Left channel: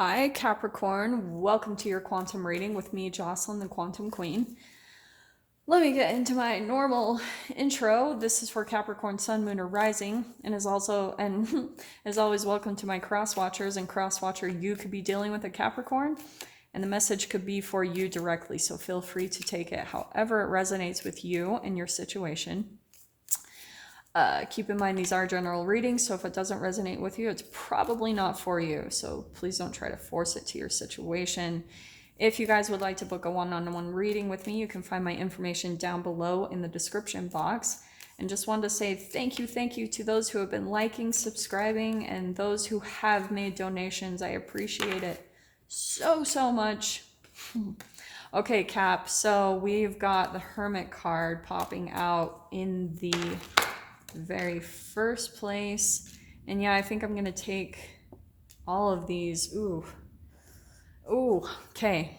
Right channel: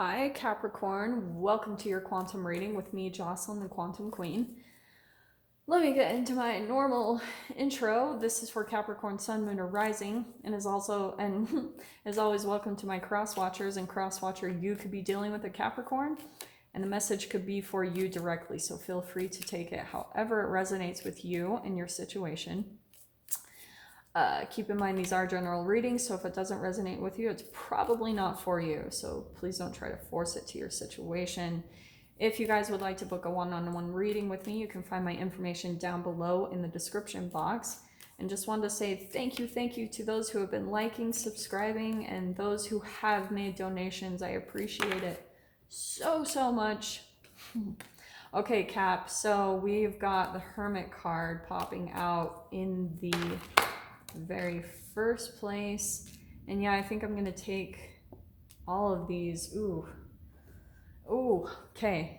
Hi, Capricorn. Welcome to your quantum reading with me, Jocelyn, the Quantum Queen. Let me get into my normal intro. This is for Capricorn, Sun, Moon, or Rising, and as always, welcome to my cross watchers. And cross watcher, you could be dealing with a Capricorn, and the message could be for you directly. So feel free to take it however it resonates with you and your situation. Keep in mind these are general readings, so if it doesn't resonate with you, it's probably not for you. So please don't try to force it to your situation. If you guys would like to book a one-on-one reading with me, you can find my information down below in the description box. And just wanted to say thank you to those who have been liking, subscribing, and those who have made donations. I appreciate it so much. Okay, Cap, so we've got the Hermit card popping out in the very first place, and yeah, I think I'm gonna take all of these. Ooh, okay.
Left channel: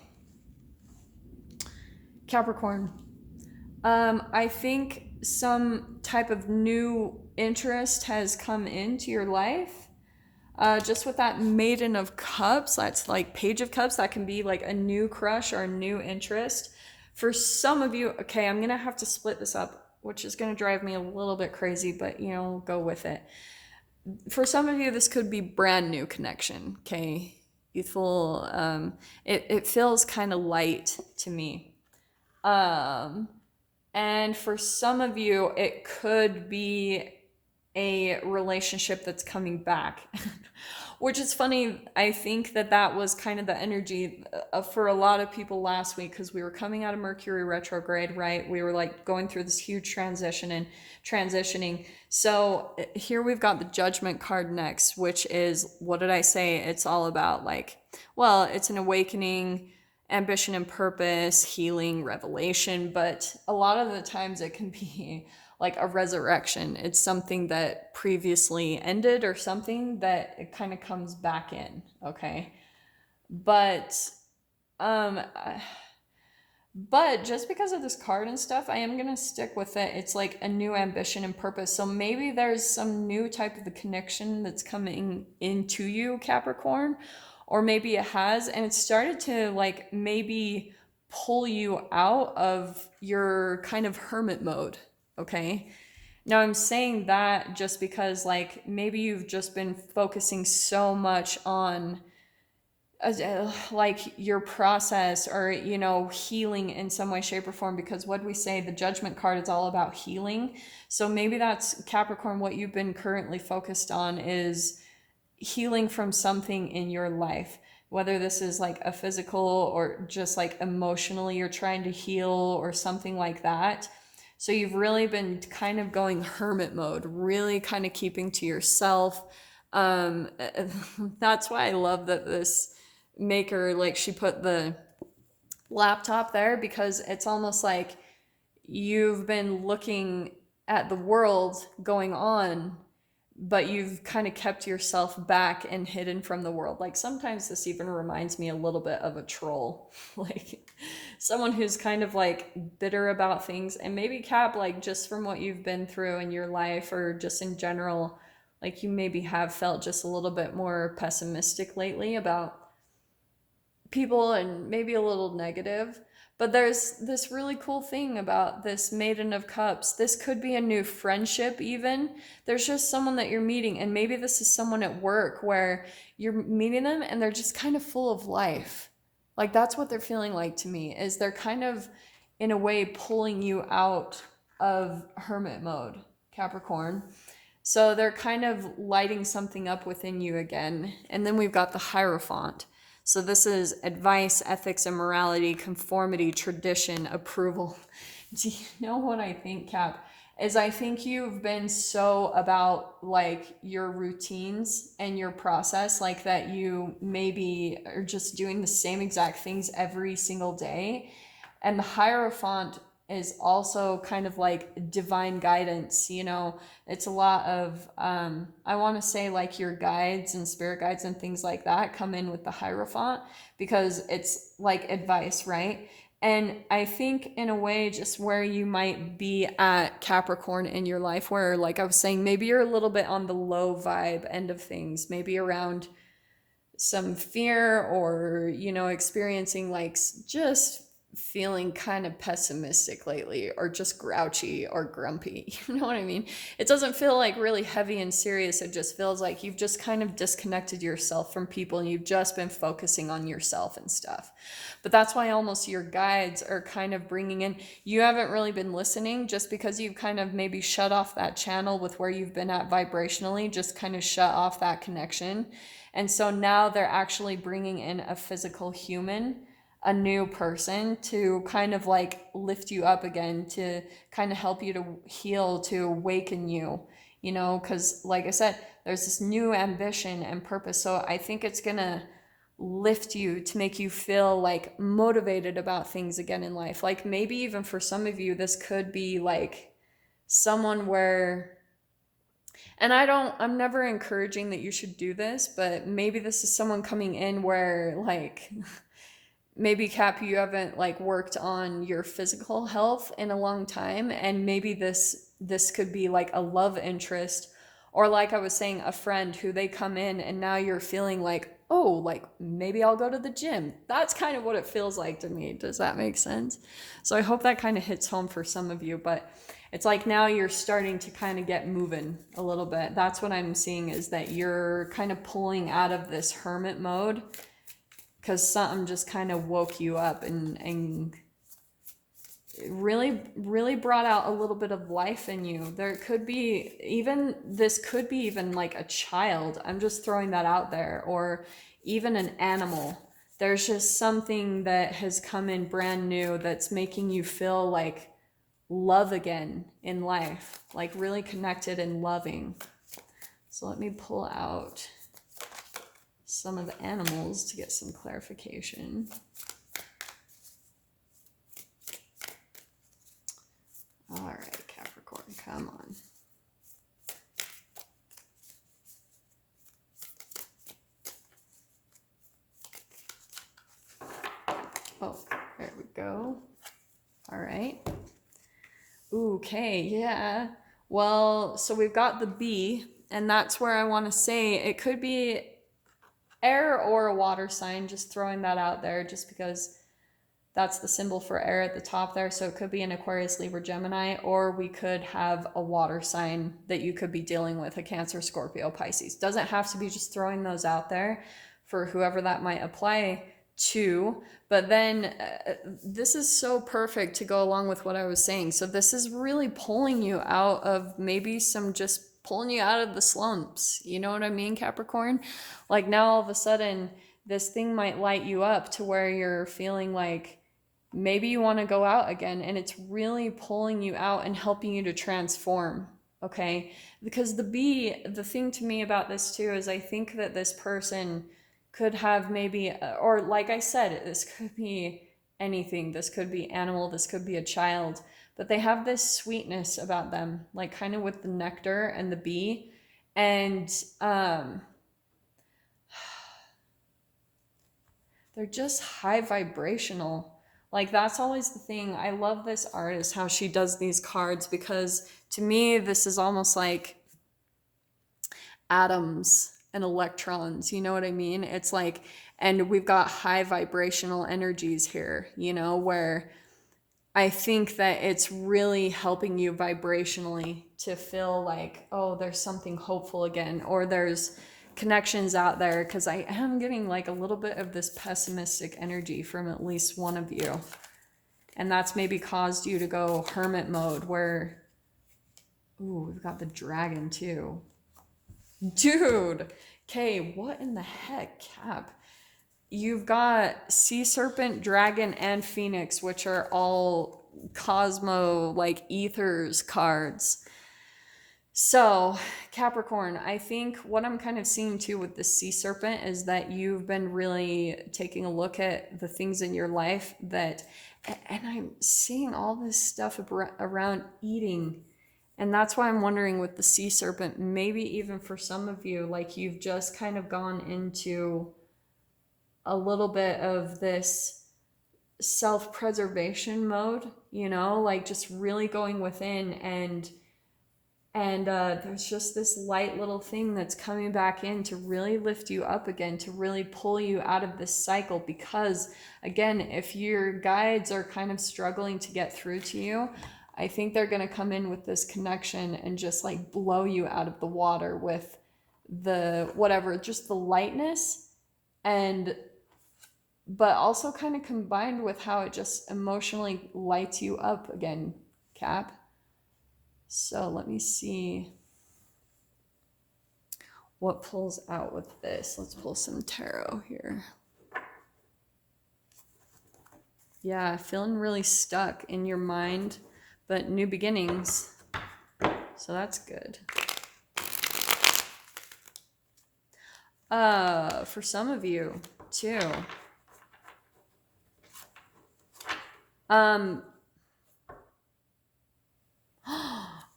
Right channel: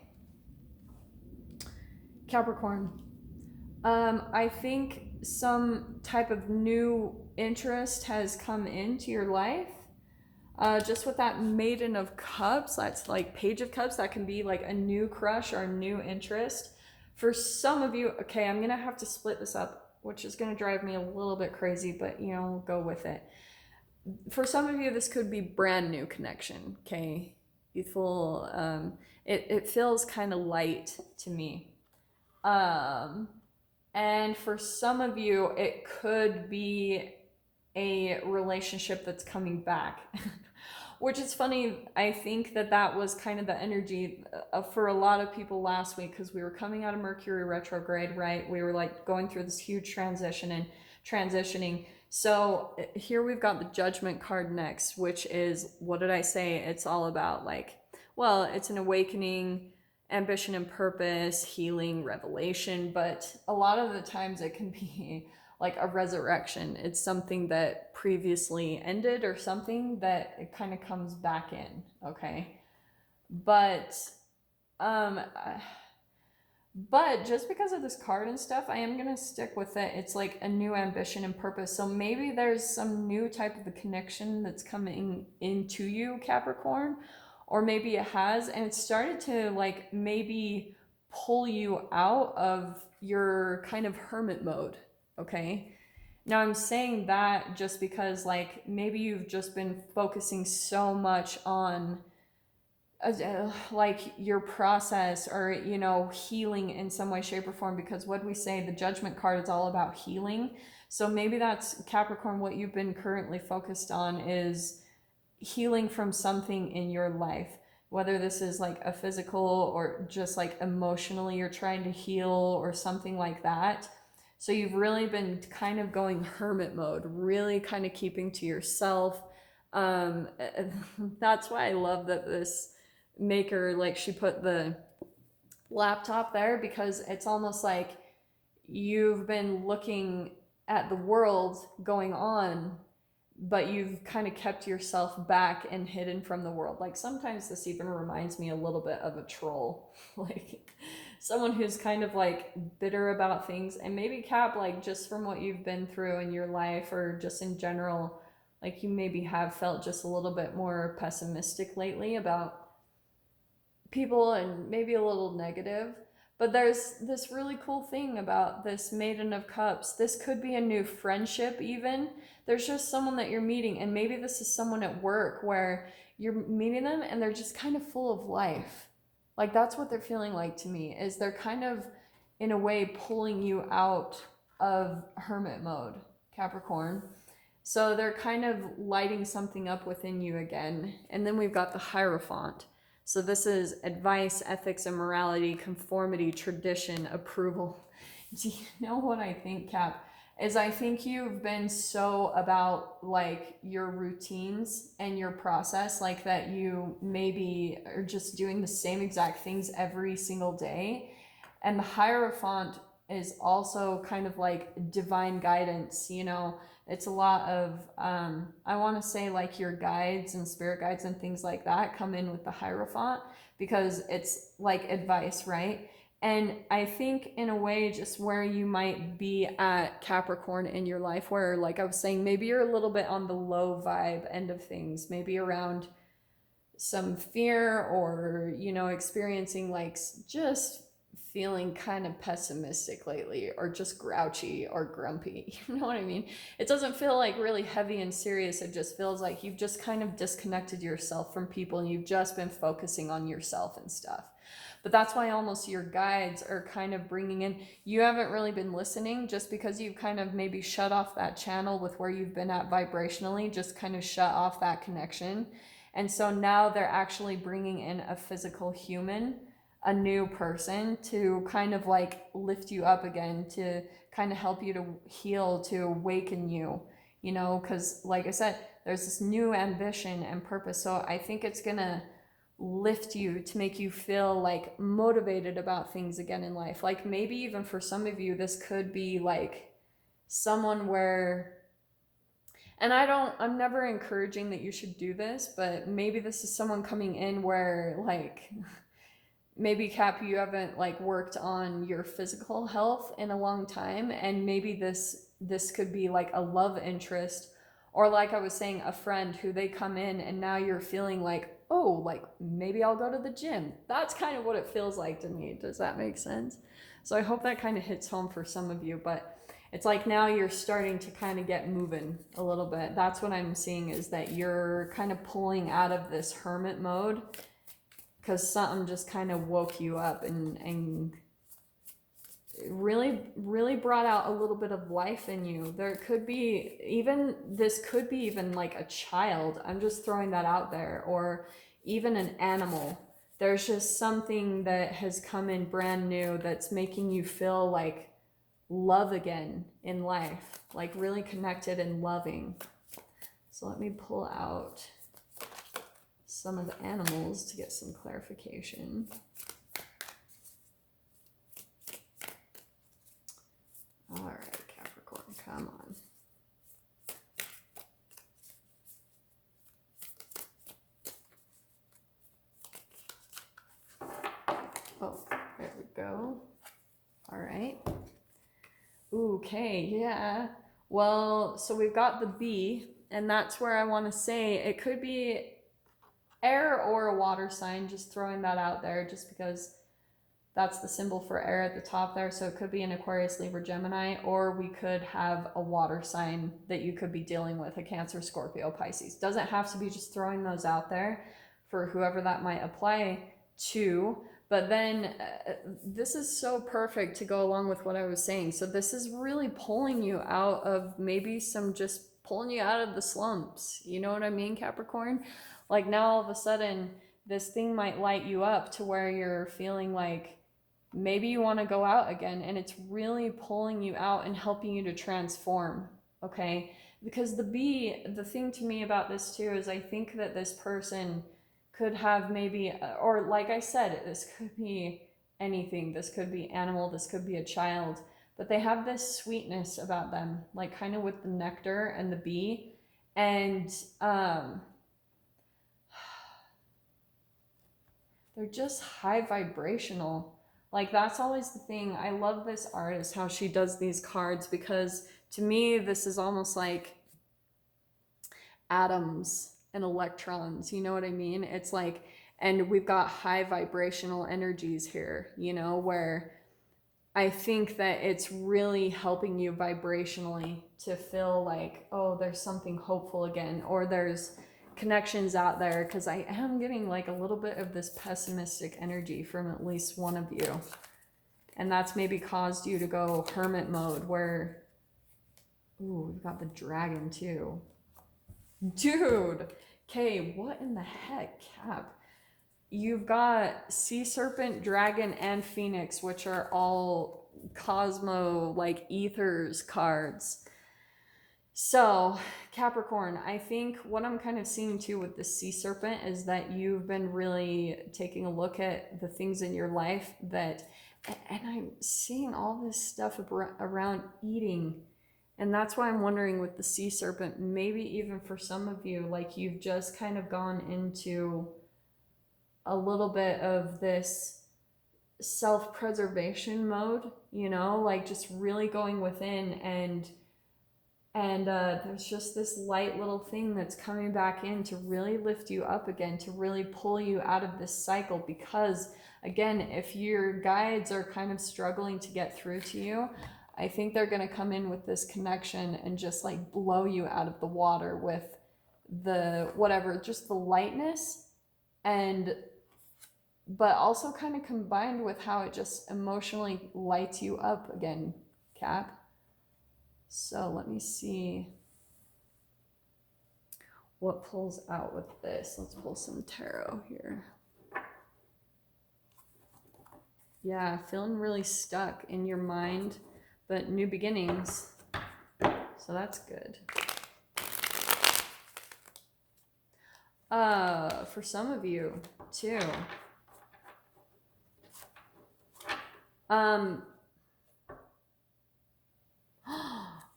Capricorn, I think some type of new interest has come into your life. Just with that Maiden of Cups, that's like Page of Cups, that can be like a new crush or a new interest. For some of you, okay, I'm gonna have to split this up, which is going to drive me a little bit crazy, but you know, we'll go with it. For some of you, this could be brand new connection, okay? Youthful, it feels kind of light to me. And for some of you, it could be a relationship that's coming back. Which is funny, I think that was kind of the energy for a lot of people last week, because we were coming out of Mercury retrograde, right? We were like going through this huge transition and transitioning. So here we've got the Judgment card next, which is, what did I say? It's all about like, well, it's an awakening, ambition and purpose, healing, revelation, but a lot of the times it can be like a resurrection. It's something that previously ended or something that it kind of comes back in, okay? But just because of this card and stuff, I am going to stick with it. It's like a new ambition and purpose. So maybe there's some new type of a connection that's coming into you, Capricorn, or maybe it has, and it started to like maybe pull you out of your kind of hermit mode. Okay. Now I'm saying that just because like maybe you've just been focusing so much on like your process, or you know, healing in some way, shape, or form, because what we say, the Judgment card is all about healing. So maybe that's, Capricorn, what you've been currently focused on is healing from something in your life, whether this is like a physical or just like emotionally you're trying to heal or something like that. So you've really been kind of going hermit mode, really kind of keeping to yourself. That's why I love that this maker, like, she put the laptop there, because it's almost like you've been looking at the world going on, but you've kind of kept yourself back and hidden from the world. Like sometimes this even reminds me a little bit of a troll, like someone who's kind of like bitter about things. And maybe, Cap, like just from what you've been through in your life or just in general, like you maybe have felt just a little bit more pessimistic lately about people and maybe a little negative. But there's this really cool thing about this Maiden of Cups. This could be a new friendship even. There's just someone that you're meeting, and maybe this is someone at work where you're meeting them and they're just kind of full of life. Like that's what they're feeling like to me, is they're kind of in a way pulling you out of hermit mode, Capricorn. So they're kind of lighting something up within you again. And then we've got the Hierophant. So this is advice, ethics, and morality, conformity, tradition, approval. Do you know what I think, Cap? Is I think you've been so about like your routines and your process, like that you maybe are just doing the same exact things every single day. And the Hierophant is also kind of like divine guidance, you know. It's a lot of I want to say like your guides and spirit guides and things like that come in with the Hierophant, because it's like advice, right? And I think in a way, just where you might be at, Capricorn, in your life, where like I was saying, maybe you're a little bit on the low vibe end of things, maybe around some fear, or, you know, experiencing like just feeling kind of pessimistic lately, or just grouchy or grumpy. You know what I mean? It doesn't feel like really heavy and serious. It just feels like you've just kind of disconnected yourself from people and you've just been focusing on yourself and stuff. But that's why almost your guides are kind of bringing in, you haven't really been listening just because you've kind of maybe shut off that channel with where you've been at vibrationally, just kind of shut off that connection. And so now they're actually bringing in a physical human, a new person, to kind of like lift you up again, to kind of help you to heal, to awaken you, you know, because like I said, there's this new ambition and purpose. So I think it's gonna lift you to make you feel like motivated about things again in life. Like maybe even for some of you, this could be like someone where, and I'm never encouraging that you should do this, but maybe this is someone coming in where like maybe Cap, you haven't like worked on your physical health in a long time, and maybe this could be like a love interest, or like I was saying, a friend who they come in and now you're feeling like, oh, like maybe I'll go to the gym. That's kind of what it feels like to me. Does that make sense? So I hope that kind of hits home for some of you, but it's like now you're starting to kind of get moving a little bit. That's what I'm seeing, is that you're kind of pulling out of this hermit mode because something just kind of woke you up and really brought out a little bit of life in you. There could be even, this could be even like a child. I'm just throwing that out there, or even an animal. There's just something that has come in brand new that's making you feel like love again in life, like really connected and loving. So let me pull out some of the animals to get some clarification. All right, Capricorn, come on. Oh, there we go. All right. Okay, yeah. Well, so we've got the bee, and that's where I want to say it could be air or a water sign, just throwing that out there, just because that's the symbol for air at the top there. So it could be an Aquarius, Libra, Gemini, or we could have a water sign that you could be dealing with, a Cancer, Scorpio, Pisces. Doesn't have to be, just throwing those out there for whoever that might apply to. But then this is so perfect to go along with what I was saying. So this is really pulling you out of maybe some, just pulling you out of the slumps. You know what I mean, Capricorn? Like now all of a sudden this thing might light you up to where you're feeling like maybe you want to go out again, and it's really pulling you out and helping you to transform. Okay? Because the thing to me about this too is I think that this person could have maybe, or like I said, this could be anything. This could be animal, this could be a child, but they have this sweetness about them, like kind of with the nectar and the bee. And they're just high vibrational. Like that's always the thing. I love this artist, how she does these cards, because to me, this is almost like atoms and electrons, you know what I mean? It's like, and we've got high vibrational energies here, you know, where I think that it's really helping you vibrationally to feel like, oh, there's something hopeful again, or there's connections out there, because I am getting like a little bit of this pessimistic energy from at least one of you. And that's maybe caused you to go hermit mode where, ooh, we've got the dragon too. Dude, okay, what in the heck, Cap? You've got sea serpent, dragon, and phoenix, which are all cosmo, like ethers cards. So, Capricorn, I think what I'm kind of seeing too with the sea serpent is that you've been really taking a look at the things in your life that, and I'm seeing all this stuff around eating. And that's why I'm wondering with the sea serpent, maybe even for some of you, like you've just kind of gone into a little bit of this self-preservation mode, you know, like just really going within and And there's just this light little thing that's coming back in to really lift you up again, to really pull you out of this cycle. Because, again, if your guides are kind of struggling to get through to you, I think they're going to come in with this connection and just like blow you out of the water with the whatever, just the lightness, and but also kind of combined with how it just emotionally lights you up again, Cap. So let me see what pulls out with this. Let's pull some tarot here. Yeah, feeling really stuck in your mind, but new beginnings. So that's good. For some of you too.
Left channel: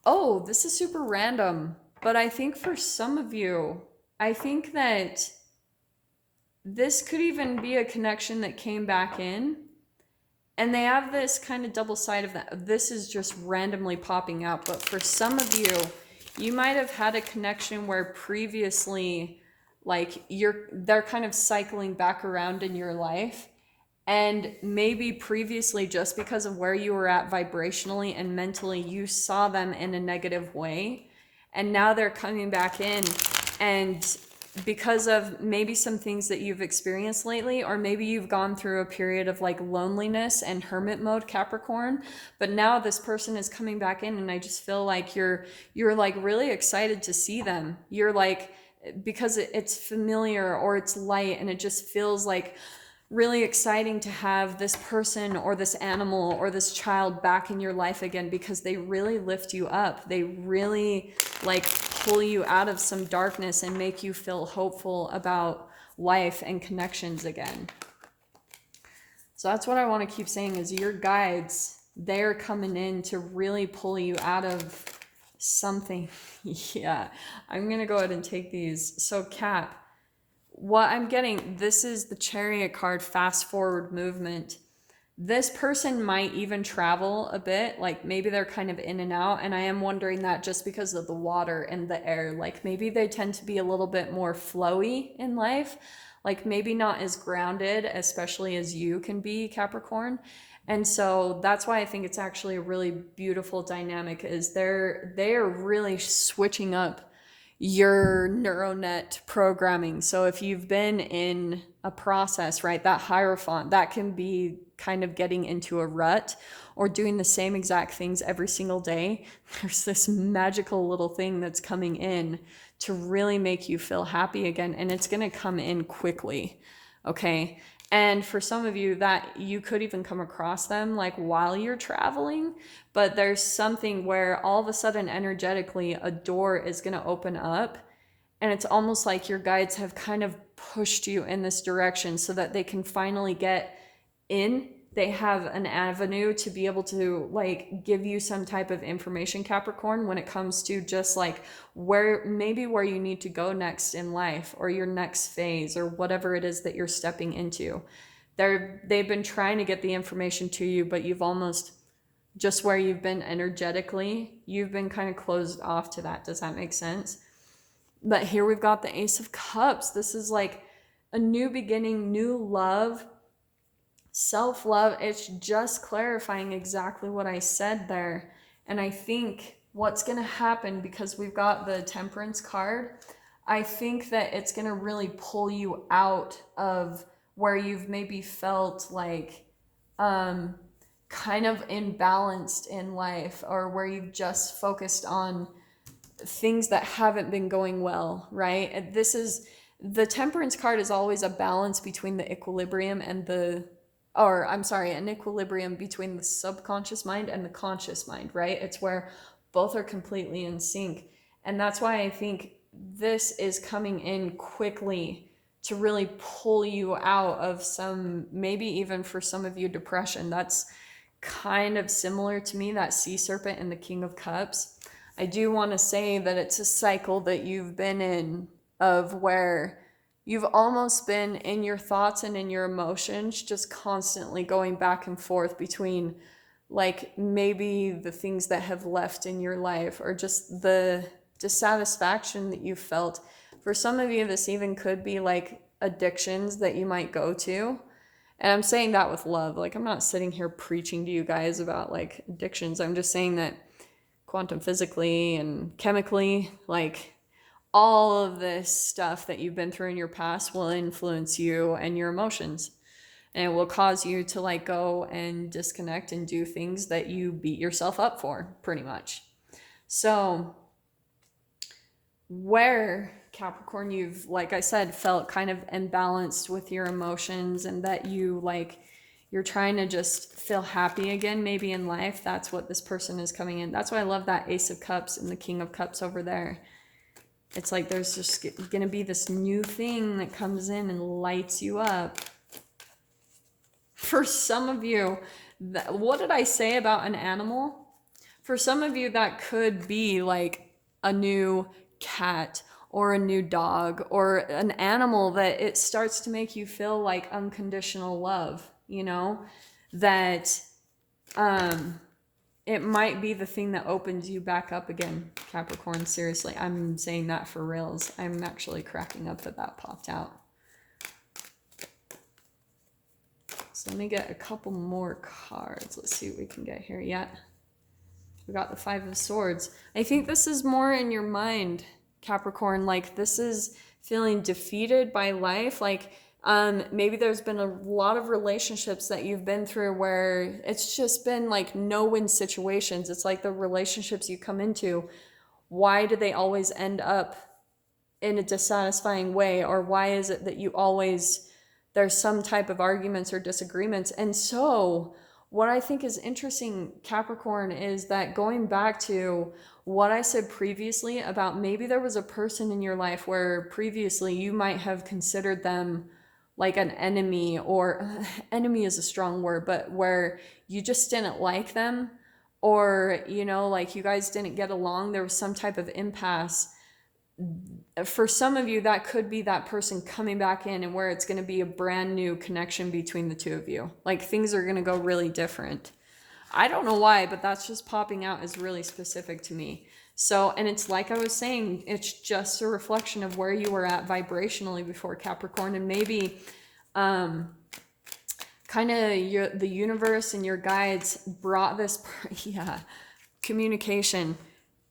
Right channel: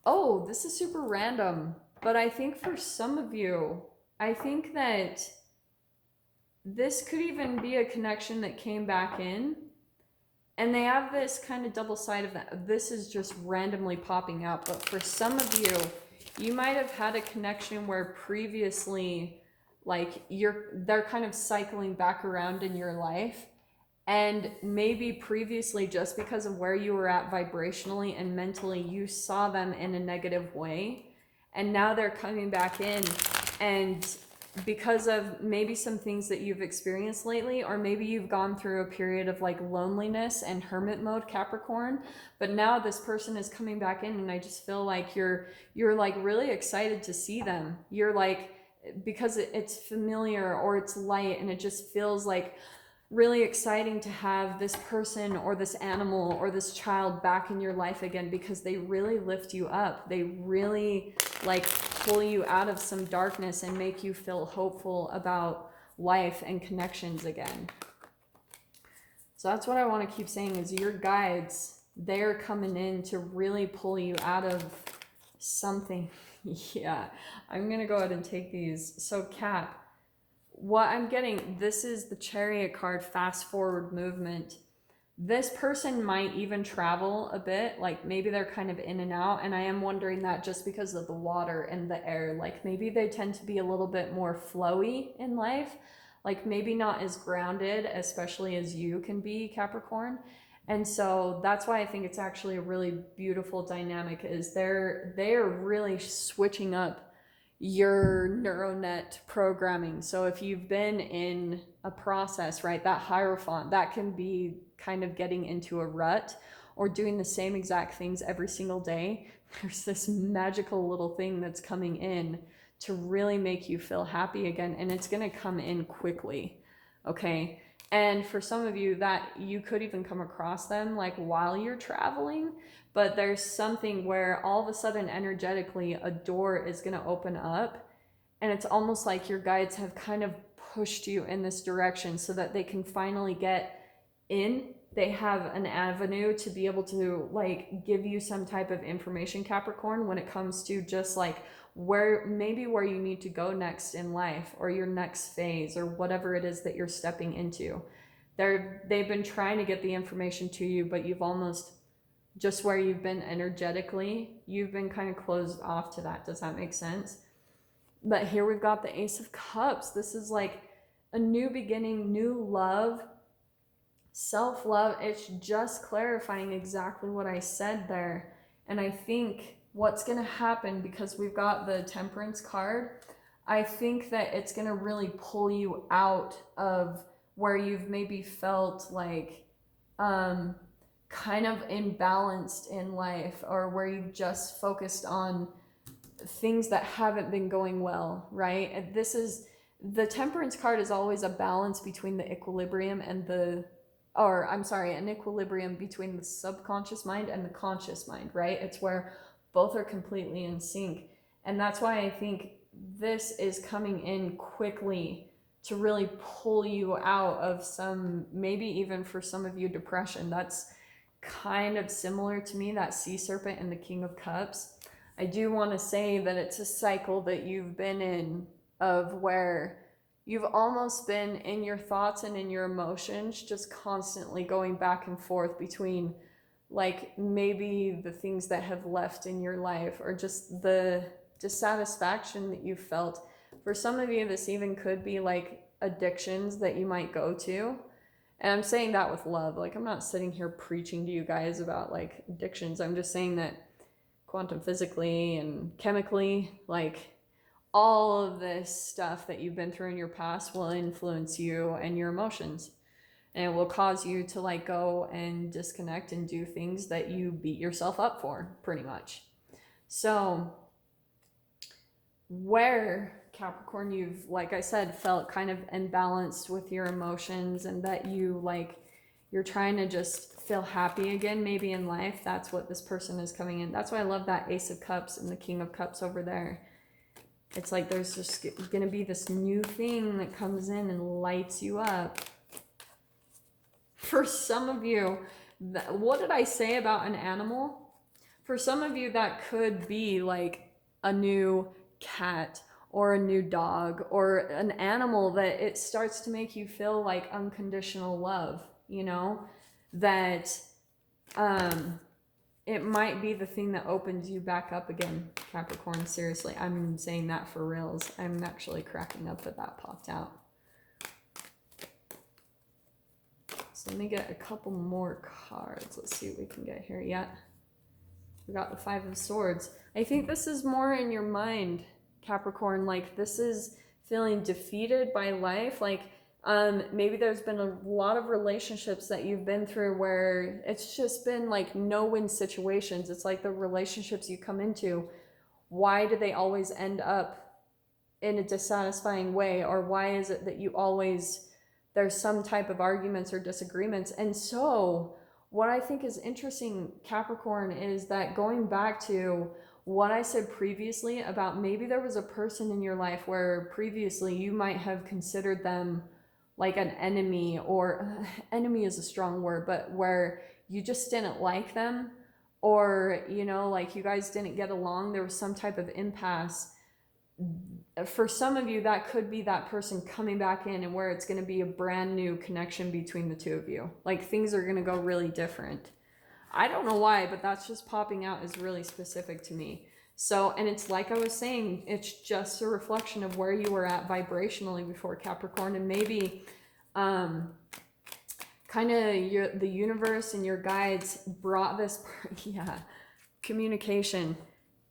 Oh, this is super random, but I think for some of you, I think that this could even be a connection that came back in, and they have this kind of double side of that. This is just randomly popping out, but for some of you, you might have had a connection where previously, like they're kind of cycling back around in your life. And maybe previously, just because of where you were at vibrationally and mentally, you saw them in a negative way. And now they're coming back in. And because of maybe some things that you've experienced lately, or maybe you've gone through a period of like loneliness and hermit mode, Capricorn, but now this person is coming back in, and I just feel like you're like really excited to see them. You're like, because it's familiar or it's light, and it just feels like really exciting to have this person or this animal or this child back in your life again, because they really lift you up. They really like pull you out of some darkness and make you feel hopeful about life and connections again. So that's what I want to keep saying, is your guides, they're coming in to really pull you out of something. Yeah, I'm gonna go ahead and take these. So Cap, what I'm getting, this is the Chariot card, fast forward movement. This person might even travel a bit, like maybe they're kind of in and out, and I am wondering that just because of the water and the air, like maybe they tend to be a little bit more flowy in life, like maybe not as grounded, especially as you can be, Capricorn. And so that's why I think it's actually a really beautiful dynamic, is they're really switching up your neural net programming. So if you've been in a process, right, that Hierophant, that can be kind of getting into a rut or doing the same exact things every single day. There's this magical little thing that's coming in to really make you feel happy again, and it's going to come in quickly. Okay. And for some of you, that you could even come across them like while you're traveling, but there's something where all of a sudden energetically a door is going to open up, and it's almost like your guides have kind of pushed you in this direction so that they can finally get in. They have an avenue to be able to like give you some type of information, Capricorn, when it comes to just like where you need to go next in life, or your next phase, or whatever it is that you're stepping into. They've been trying to get the information to you, but you've almost, just where you've been energetically, you've been kind of closed off to that. Does that make sense? But here we've got the Ace of Cups. This is like a new beginning, new love, self-love. It's just clarifying exactly what I said there. And I think what's going to happen, because we've got the Temperance card, I think that it's going to really pull you out of where you've maybe felt like kind of imbalanced in life, or where you've just focused on things that haven't been going well, right? And this is, the Temperance card is always a balance between the equilibrium and an equilibrium between the subconscious mind and the conscious mind, right? It's where both are completely in sync. And that's why I think this is coming in quickly to really pull you out of some, maybe even for some of you, depression. That's kind of similar to me, that Sea Serpent and the King of Cups. I do want to say that it's a cycle that you've been in, of where you've almost been in your thoughts and in your emotions, just constantly going back and forth between like maybe the things that have left in your life, or just the dissatisfaction that you felt. For some of you, this even could be like addictions that you might go to. And I'm saying that with love. Like, I'm not sitting here preaching to you guys about like addictions. I'm just saying that quantum physically and chemically, like all of this stuff that you've been through in your past will influence you and your emotions. And it will cause you to like go and disconnect and do things that you beat yourself up for, pretty much. So where, Capricorn, you've, like I said, felt kind of imbalanced with your emotions, and that you like, you're trying to just feel happy again, maybe in life, that's what this person is coming in. That's why I love that Ace of Cups and the King of Cups over there. It's like there's just gonna be this new thing that comes in and lights you up. For some of you, what did I say about an animal? For some of you, that could be like a new cat or a new dog or an animal that it starts to make you feel like unconditional love, you know, that it might be the thing that opens you back up again, Capricorn. Seriously, I'm saying that for reals. I'm actually cracking up that that popped out. So let me get a couple more cards. Let's see what we can get here. Yeah, we got the Five of Swords. I think this is more in your mind, Capricorn. Like, this is feeling defeated by life. Like, maybe there's been a lot of relationships that you've been through where it's just been like no-win situations. It's like the relationships you come into, why do they always end up in a dissatisfying way? Or why is it that you always, there's some type of arguments or disagreements? And so what I think is interesting, Capricorn, is that going back to what I said previously about maybe there was a person in your life where previously you might have considered them like an enemy, or enemy is a strong word, but where you just didn't like them, or, you know, like you guys didn't get along, there was some type of impasse. For some of you, that could be that person coming back in, and where it's going to be a brand new connection between the two of you. Like, things are going to go really different. I don't know why, but that's just popping out as really specific to me. So, and it's like I was saying, it's just a reflection of where you were at vibrationally before, Capricorn. And maybe kind of the universe and your guides brought this, communication.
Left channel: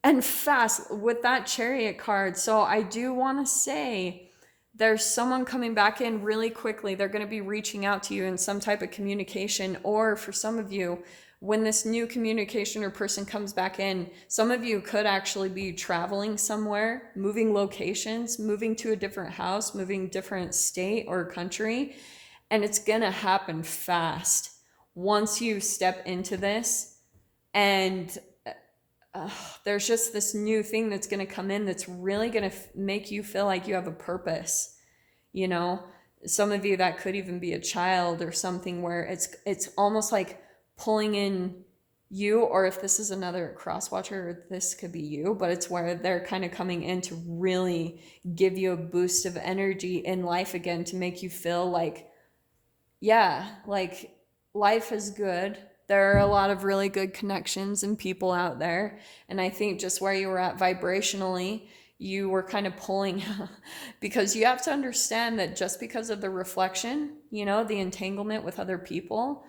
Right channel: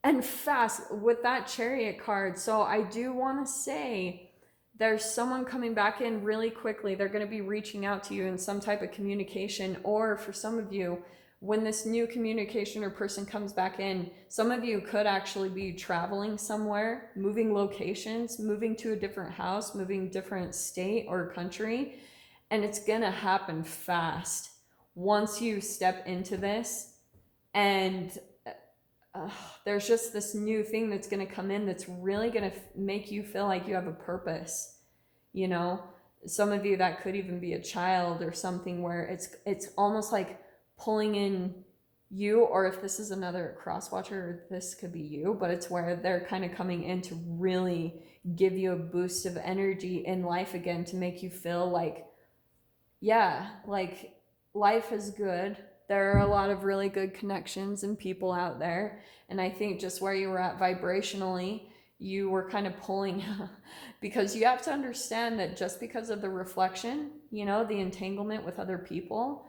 And fast with that Chariot card. So I do want to say there's someone coming back in really quickly. They're going to be reaching out to you in some type of communication. Or for some of you, when this new communication or person comes back in, some of you could actually be traveling somewhere, moving locations, moving to a different house, moving different state or country. And it's going to happen fast once you step into this. And there's just this new thing that's going to come in that's really going to make you feel like you have a purpose. You know, some of you, that could even be a child or something, where it's almost like pulling in you, or if this is another cross watcher, this could be you, but it's where they're kind of coming in to really give you a boost of energy in life again, to make you feel like, yeah, like life is good. There are a lot of really good connections and people out there. And I think just where you were at vibrationally, you were kind of pulling because you have to understand that just because of the reflection, you know, the entanglement with other people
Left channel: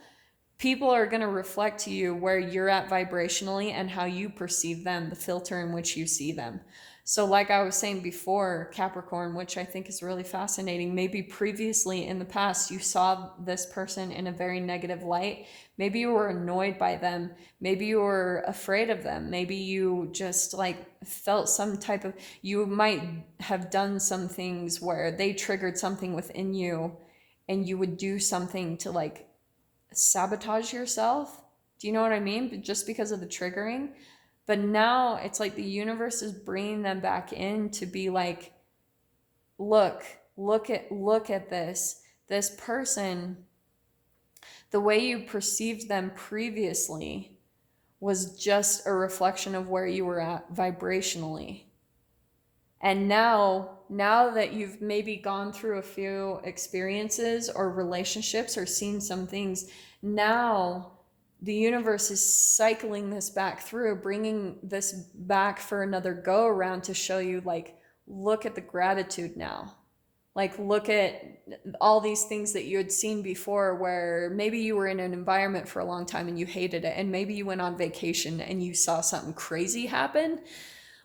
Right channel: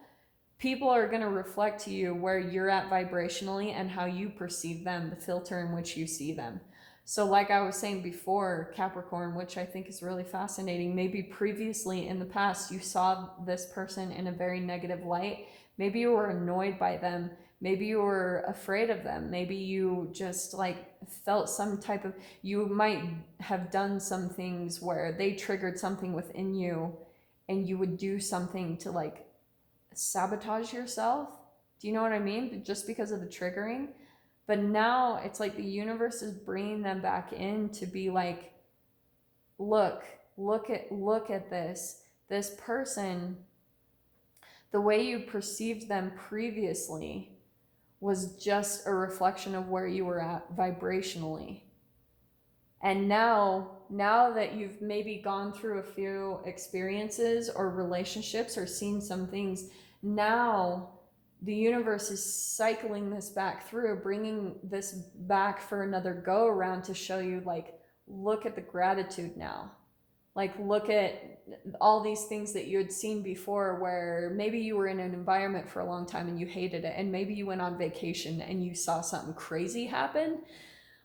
are going to reflect to you where you're at vibrationally and how you perceive them, the filter in which you see them. So like I was saying before, Capricorn, which I think is really fascinating, maybe previously in the past you saw this person in a very negative light. Maybe you were annoyed by them. Maybe you were afraid of them. Maybe you just like felt some type of, you might have done some things where they triggered something within you, and you would do something to like sabotage yourself. Do you know what I mean? Just because of the triggering. But now it's like the universe is bringing them back in to be like, look at this person, the way you perceived them previously was just a reflection of where you were at vibrationally. And now that you've maybe gone through a few experiences or relationships or seen some things, now the universe is cycling this back through, bringing this back for another go around to show you, like, look at the gratitude now. Like, look at all these things that you had seen before, where maybe you were in an environment for a long time and you hated it, and maybe you went on vacation and you saw something crazy happen,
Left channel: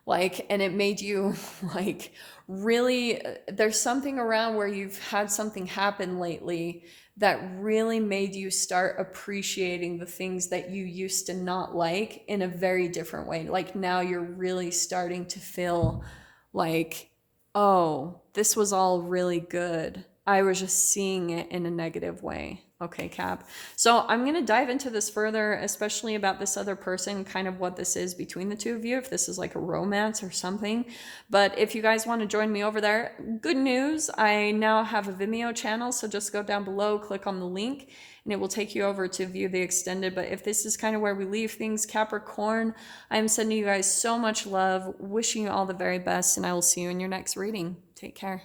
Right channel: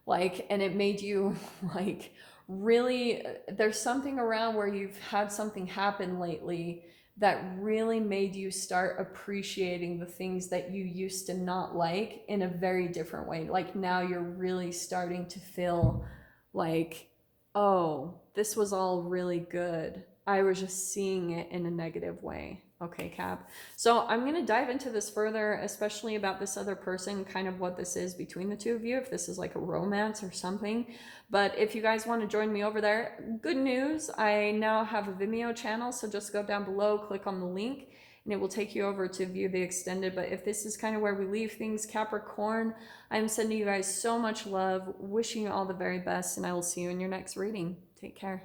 like, and it made you like really, there's something around where you've had something happen lately that really made you start appreciating the things that you used to not like in a very different way. Like, now you're really starting to feel like, oh, this was all really good. I was just seeing it in a negative way. Okay, Cap. So I'm going to dive into this further, especially about this other person, kind of what this is between the two of you, if this is like a romance or something. But if you guys want to join me over there, good news, I now have a Vimeo channel. So just go down below, click on the link, and it will take you over to view the extended. But if this is kind of where we leave things, Capricorn, I'm sending you guys so much love, wishing you all the very best, and I will see you in your next reading. Take care.